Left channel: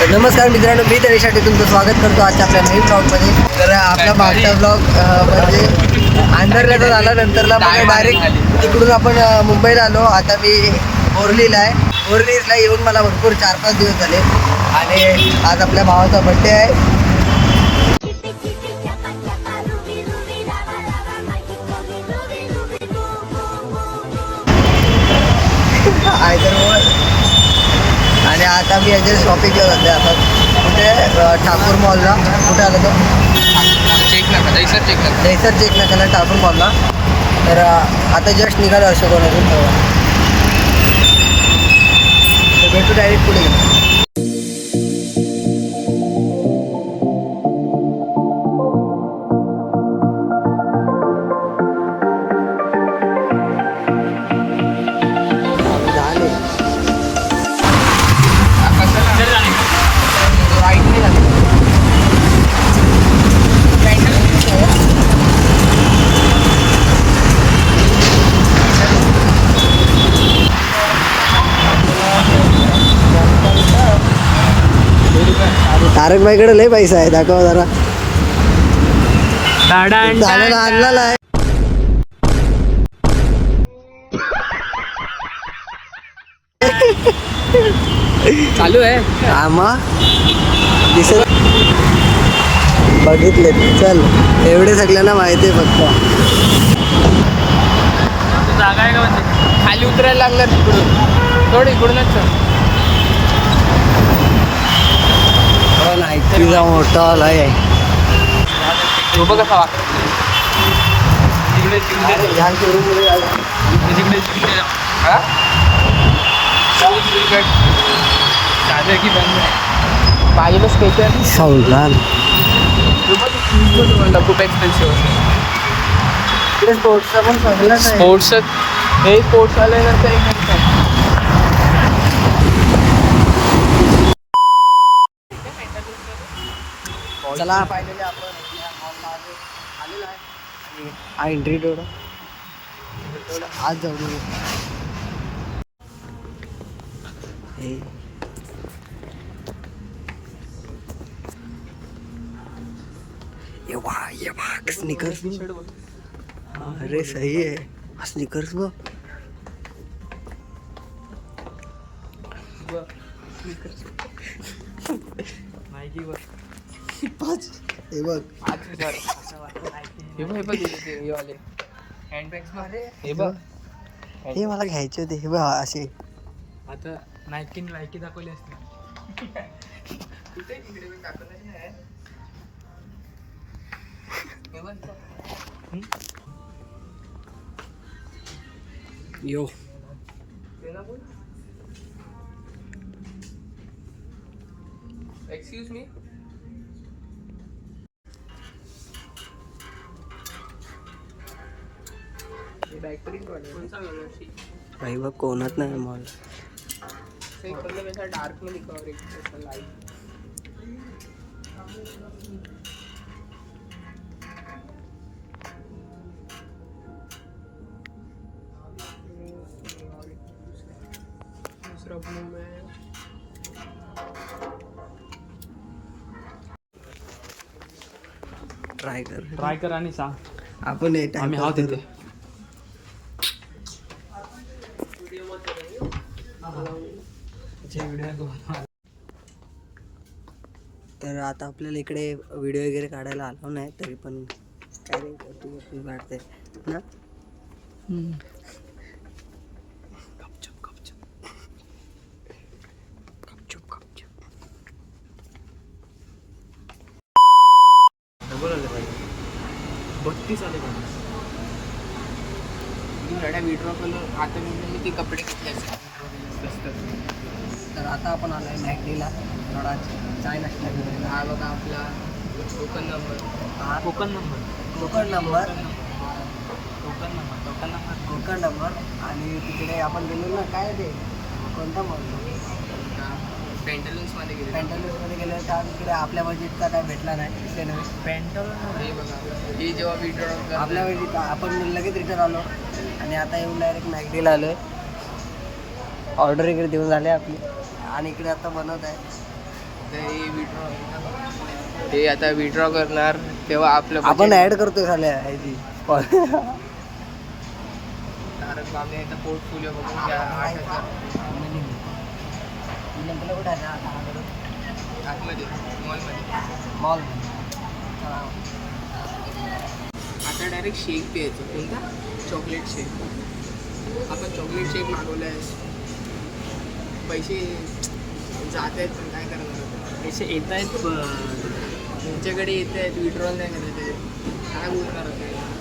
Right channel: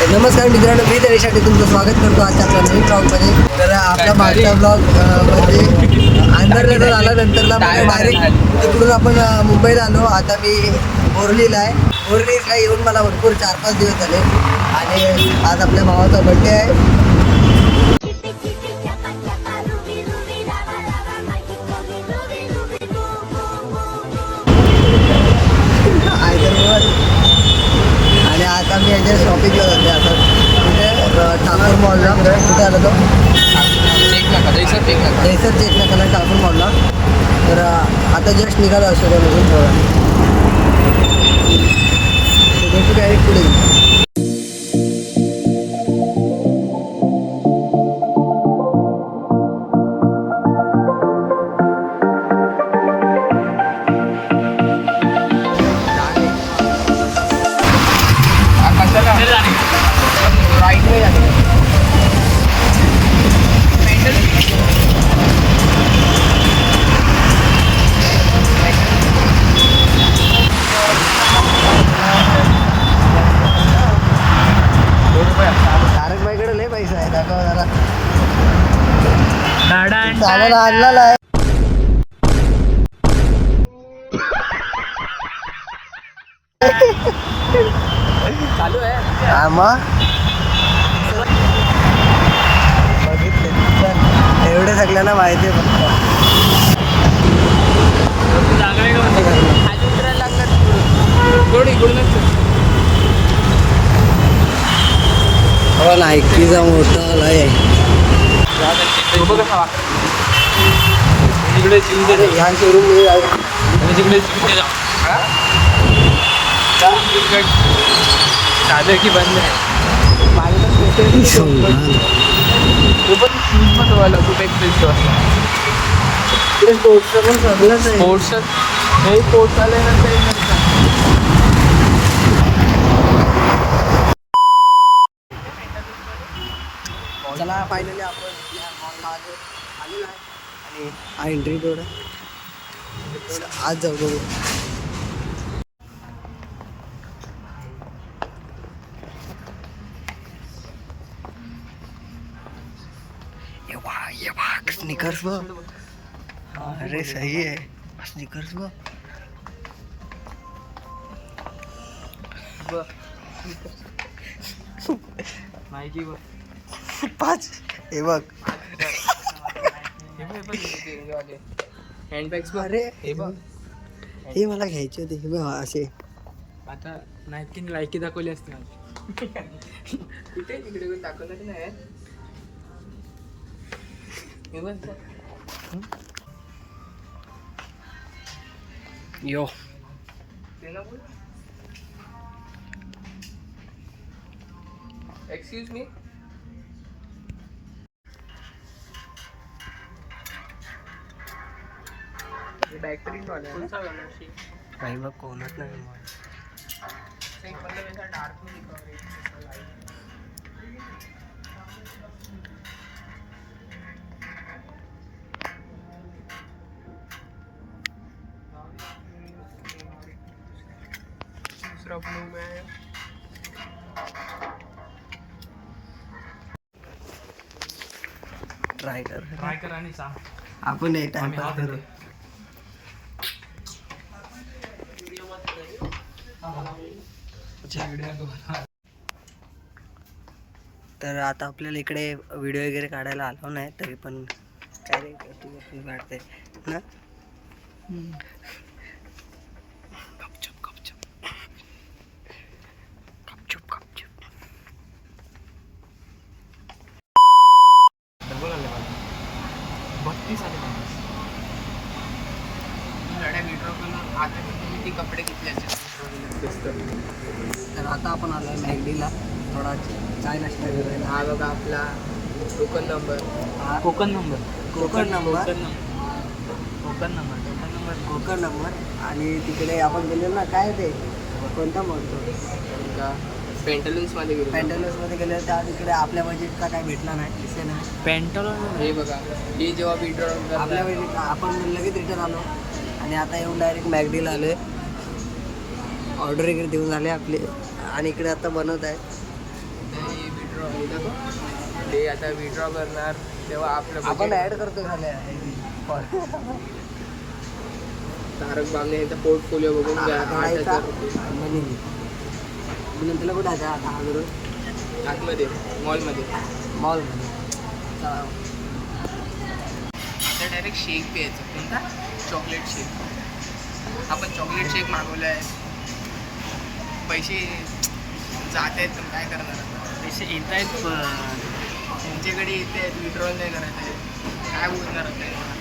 तर नमस्कार मित्रांनो मी तरीसाठी तुमचं स्वागत करतो आजच्या आपल्या नवीन ब्लॉगमध्ये तर आपला मागचा ब्लॉग म्हणजे आंधरला जर आला नंतरला मग डायरेक्ट तिकडून आपण मुंबईला आलो. आता मी बोरलीला आहे. बोरलीला येऊन मला भरपूर चार पाच दिवस झाले. आणि आज आपल्या भावाचा बड्डे आहे. Chipi chipi आणि आता मी याच्या शॉपिंगला जाते आता. कुठे? ठाकूर मॉलला कुठे आलं तो? चेक नका सर चेक नका जयसर चेक ठाकूर मॉलला तर आता जस्ट निघालं अशोकवरून अजून भेटू डायरेक्ट पुढे. तारक बाईकडे लय पैसा आहे दाखवा जरा. आम्हाला आणलेला आहे. चालू आहे. आम्हा दिसत बघितले चल. एवढे सगळ्यांना माहिती आहे फक्त. जागा आहे का म्हणते खाली उतरायला लागलं थोडी इकडूनच चल. हो नायकीचा मोठा अरे ह्या शोरूममध्ये हा? की बंद आहे खूप एक्सपेन्सिव्ह इकडे स्पोर्ट्सचं पण सगळंच आहे. स्पोर्ट्स हे स्पोर्ट्स आले चला फायनली आपण आपल्या मॉलला आले. आलेलो आहे. आणि हा एंट्री रोड आहे. आज जाऊ बघू. ये वाह ये वाह स्निकर्स बघ अरे सही आहे स्निकर्स बघ माहिती बघ पाच. हे बघ. बघ, बघ, वाले हँडबॅग्स बघ. अरे हे बघ. हे मला घ्यायचे होते. हे बघ असे. आता नाईकीने लायकी दाखवली असते कुठे तिकडे कोणी दाखवलं नाही? हे बघ. यो. एक्सक्यूज मी भाई बघ कोणच नाही मॉल डार्क में दूसरा ब्लू है ट्राय कर. ट्राय कर आणि सांग. आपण हे टाइमपास करू. तर आता आपल्याला इकडे व्हिडिओ वगैरे काढायला आलो नाही तरी पण काय रे तू तू काढते ना? बत्तीस आले मी विड्रॉ आता मी ते कपडे घेतले असे. स्वस्त तर आता आपण आलो आहे मॅगडीला. थोडा चाय नाश्ता करायला हा बघा आपला टोकन नंबर हा. Token number token number token number token number Konkan number आणि तिकडे आपण गेलो ना काय ते? कोणतं मॉल पेंटलन्समध्ये गेले पॅन्टलन्समध्ये गेलो त्या तिकडे आपल्या बजेटचा काय भेटला नाही दिसे नाही. पेंटलॉन हे बघा. मी जेव्हा विड्रॉ आपल्या आपण लगेच रिटर्न आलो. आणि आता येऊन डायरेक्ट मॅगडीला आलो आहे ऑर्डर वगैरे देऊन झाले आपली. आणि इकडे आता बनवत आहे. हे विड्रॉ हे आता विड्रॉ करणार तेव्हा आपलं आपण budget- ऍड करतोय झाल्या तारक बामणे यांचा पोर्टफोलिओ बघून. नंतर कुठे आता आतमध्ये मॉलमध्ये मॉलमध्ये चला. आता डायरेक्ट शेक प्यायचं. कोणता? चॉकलेट शेक आपण चॉकलेट शेक मागवला आहे पैसे जात आहेत पण काय करणार आता पैसे येत आहेत पण तुमच्याकडे येत आहेत विड्रॉल नाही आहेत काय बोलणार आता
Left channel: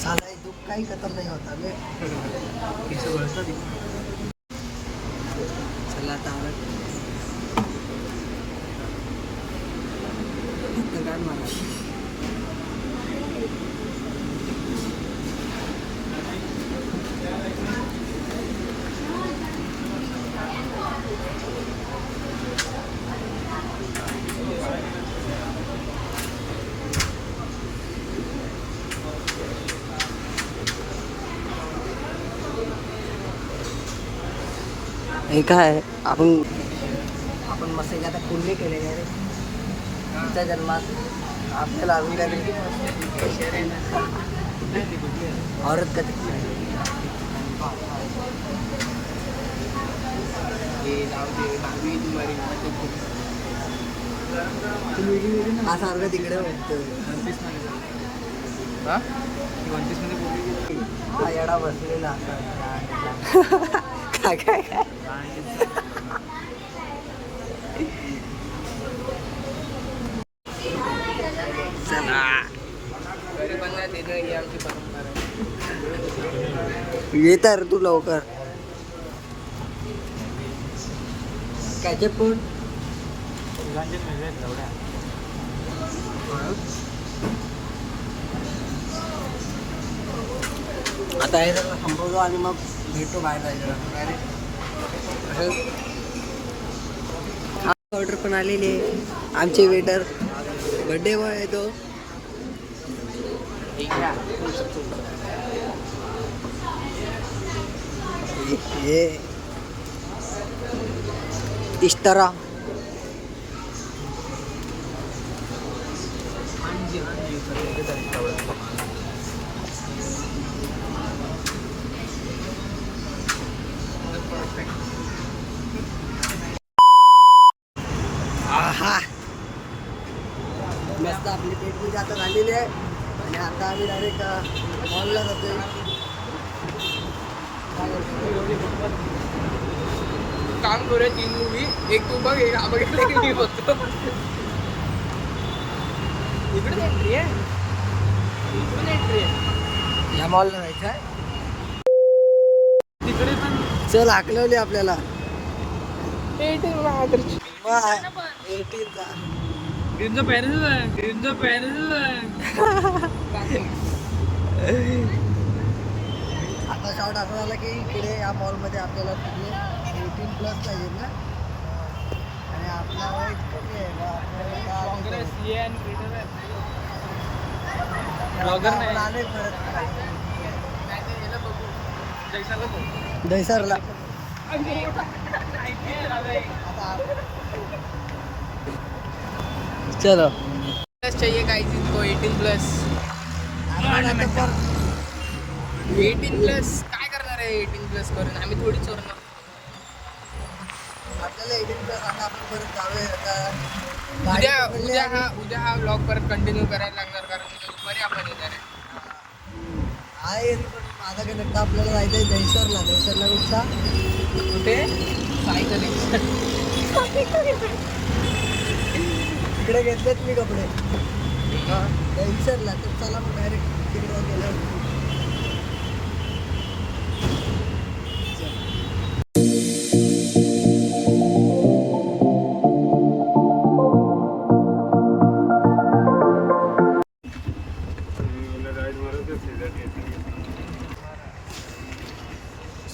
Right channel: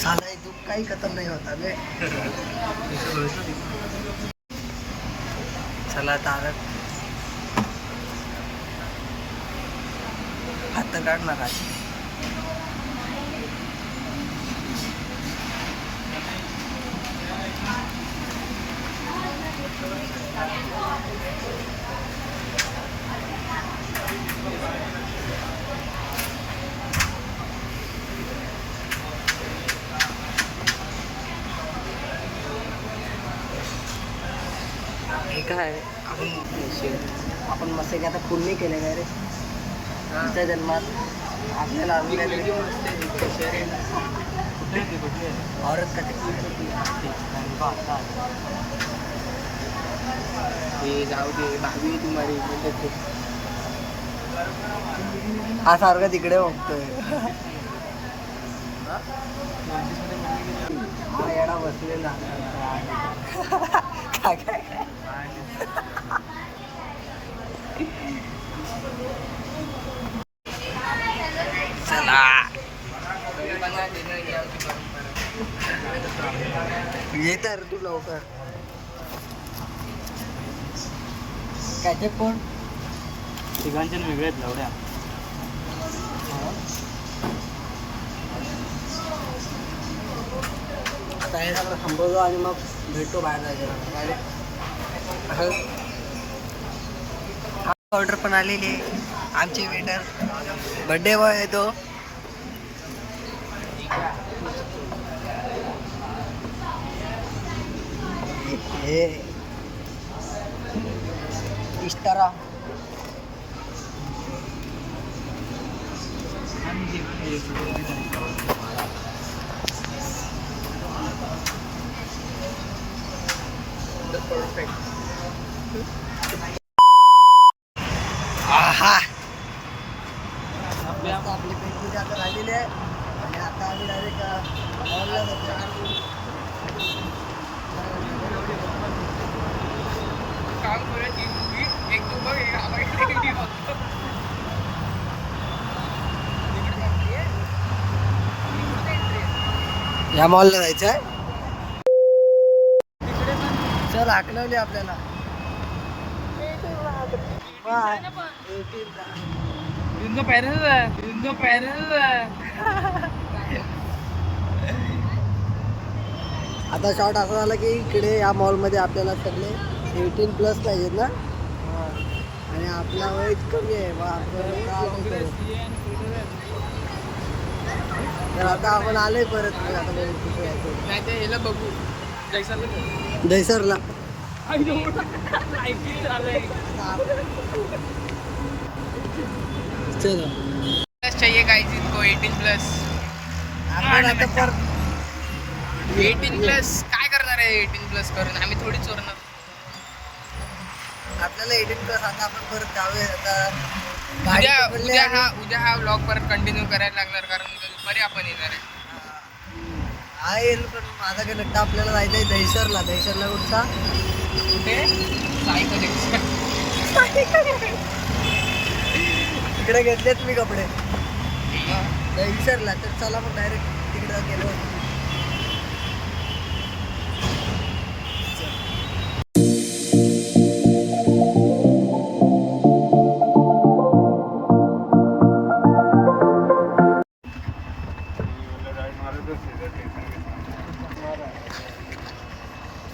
साला तू काही खतम नाही होता बे चला तारक हात तर काढणार आज हे काय आपण आपण मस्त काय आता पूर्ण केले काय रे? त्या जन्मात आपल्याला तरी औरत कधी? हे जाऊ दे दहावी तुम्हाला हा सारखा तिकडे बघतोय. हा येडा बसलेला. आता. काय? चला. येत रे तू लवकर. त्याचे पण. तिघांचे वेगळे आहेत लावड्या आता जरा थांबवतो आणि मग भेटतो बाहेर जायचं डायरेक्ट असं ऑर्डर पण आलेली आहे. आमची वेटर बड्डे बॉय आहे तो. हे. इस्तारा आहा. मस्त आपली पेटपूजा आता झालेली आहे. आणि आता आम्ही डायरेक्ट मॉलला जातोय. काम करूया तीन मूवी एक तू बघ एक आपण मी बघतो. इकडे entry आहे. इकडे entry आहे. या मॉलला जायचं आहे चल हाकलवली आपल्याला. वा, 18 चा. त्यांचं पॅरेंटच आहे. त्यांचं पॅरेंटच आहे. आता शॉर्ट असं झाला की इकडे या मॉलमध्ये आपल्याला सगळे एटीन प्लस पाहिजेत ना? आणि आपला वय कमी आहे मग आता आपण आलोय परत. मग आता दहिसरला. चलो. चाहिए काय जिनको एटीन प्लस आपण आता परत एटीन प्लस काय करणार आहे एटीन प्लस करून? आम्ही थोडी चोरणार आपल्याला एटीन प्लस आता आपण परत जाऊया. आता उद्या हा उद्या हा ब्लॉग परत कंटिन्यू करायला लागणार कारण दुपारी आपण येणार आहे. हा येईल पण माझा काय नक्की आपल्याला जायचं आहे दहिसरला. दहिसरला कुठचा? कुठे? सायकल इकडे घेतलेत मी कपडे. दहिसरला. तर चला मग डायरेक्ट तिकडे गेलो.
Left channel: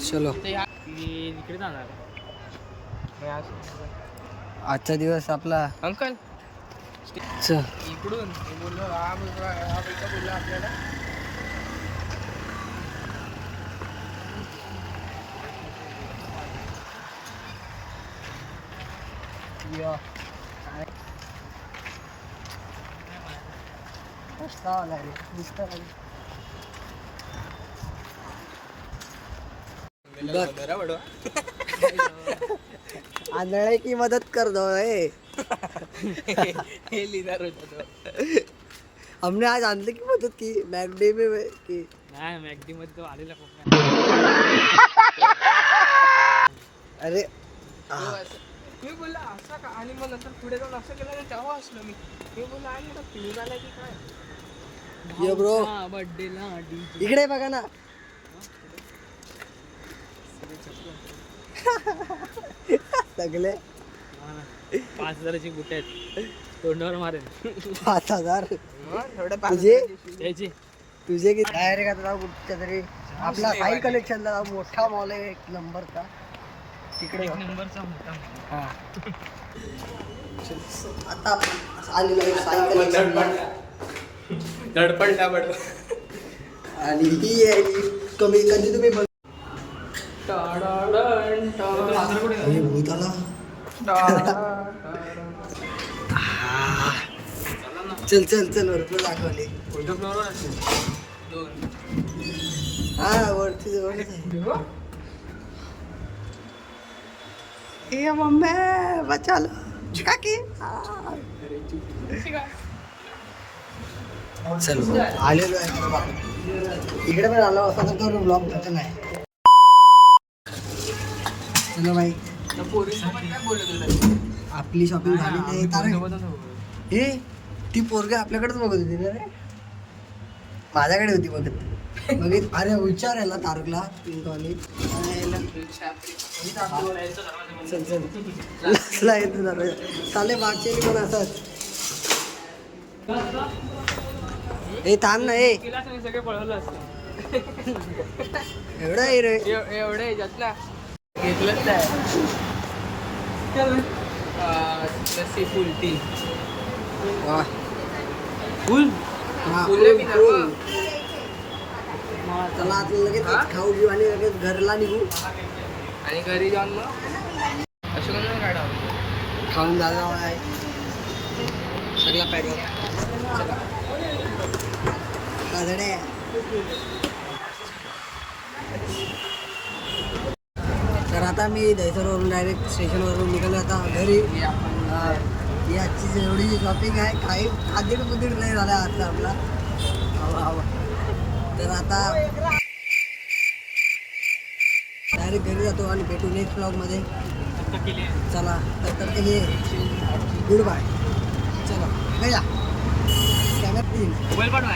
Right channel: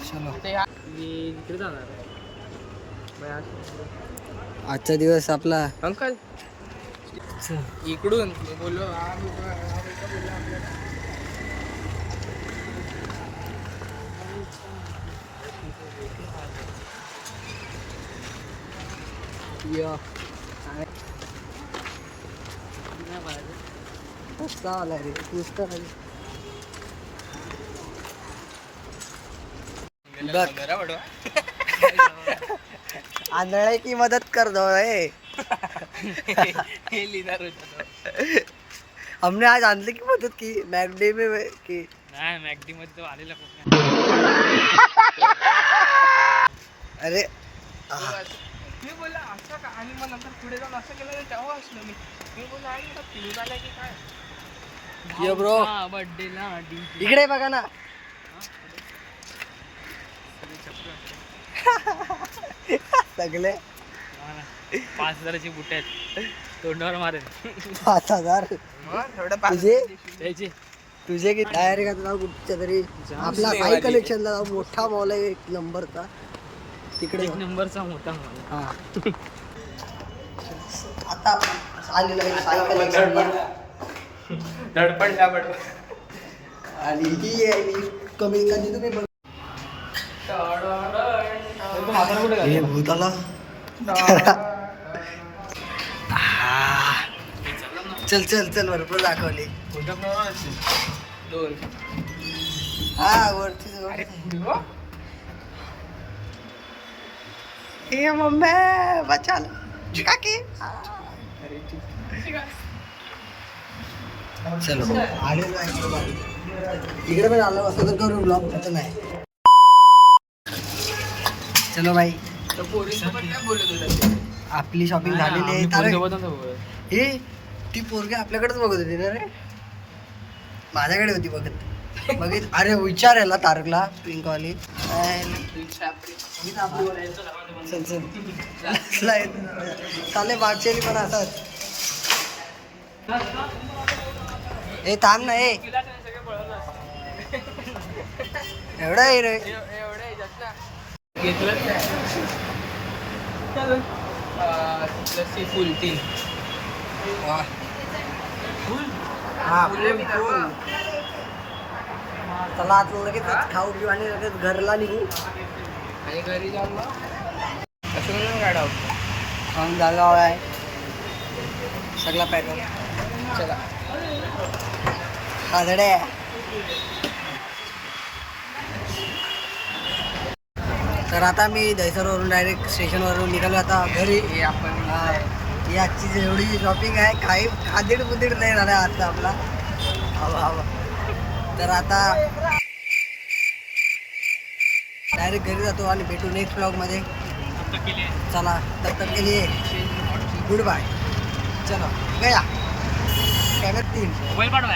चलो. मी इकडे जाणार आजचा दिवस आपला. अंकल. चल. इकडून. बोललो आपल्याला. यो. कसा आला रे पुस्तक आली बघ. आंधळे की मदत कर दो ए. हमने आज आंधळे की मदत की? मॅकडे में की? नाही मॅगडी मध्ये तो आलेला अरे मी बोलला असं का? आणि मग नंतर पुढे जाऊन असं केलं तेव्हा असलो मी. मी बोलला आलाय की काय? डी इकडे बघा ना. सगळे. पाच हजाराची बुट आहेत. तोंडावर मारेल पाच हजार. पाच तुझे? त्याची. तुझे की डायरेक्ट आता जाऊ कुठच्या तरी. आपला साई. कलेक्शनला जाऊ. मोठा मॉल आहे एक नंबरचा. तिकडे एक. नंबरचा मोठा. हा. आता आपण आलेलो आहे साई कलेक्शन धडपड आणि ही आहे कमी कधी तुम्ही बघ हे भूत आला चल चल चल भरपूर दाखवले हा वरती. ए मम्मी बचालो. काकी. चलो आलेलो आहे परत आपण इकडे पण आलो असं तर करू ब्लॉग तुमचं नाही चलो भाई तर पोरीसोबत काय बोलत होता आपली शॉपिंग झालेली आहे तारक. हे ती पोरगी आपल्याकडेच बघत होती ना रे? माझ्याकडे होती बघत. बघित अरे विचारायला तारकला पिंकवाली. चल चल. लसला येतो दरवाजा. चाले मागच्याली पण असत ए थांब ना ए. एवढा आहे रे. एव- एवढे घेतलंच नाही. अं, लस्सी फुल तीन वा. फुल हा फुल फुल बी फुल दाखवा. चला आता लगेच खाऊ घेऊ आणि लगेच घरला निघू. आणि घरी जाऊन मग? कशी म्हणून गाडा खाऊन जागा आहे. सगळा पॅकअप चला. खादडे तर आता मी दहिसरवरून डायरेक्ट स्टेशनवरून निघालो. आता घरी आपण हा, आजची जेवढी शॉपिंग आहे काही खादीड बुदीड नाही झाला आता आपला. हवा हवा तर आता डायरेक्ट घरी जातो आणि भेटू नेक्स्ट ब्लॉगमध्ये चला तब तक के लिए गुड बाय चलो गया. कॅमेरा तीन. मोबाईल पाठवा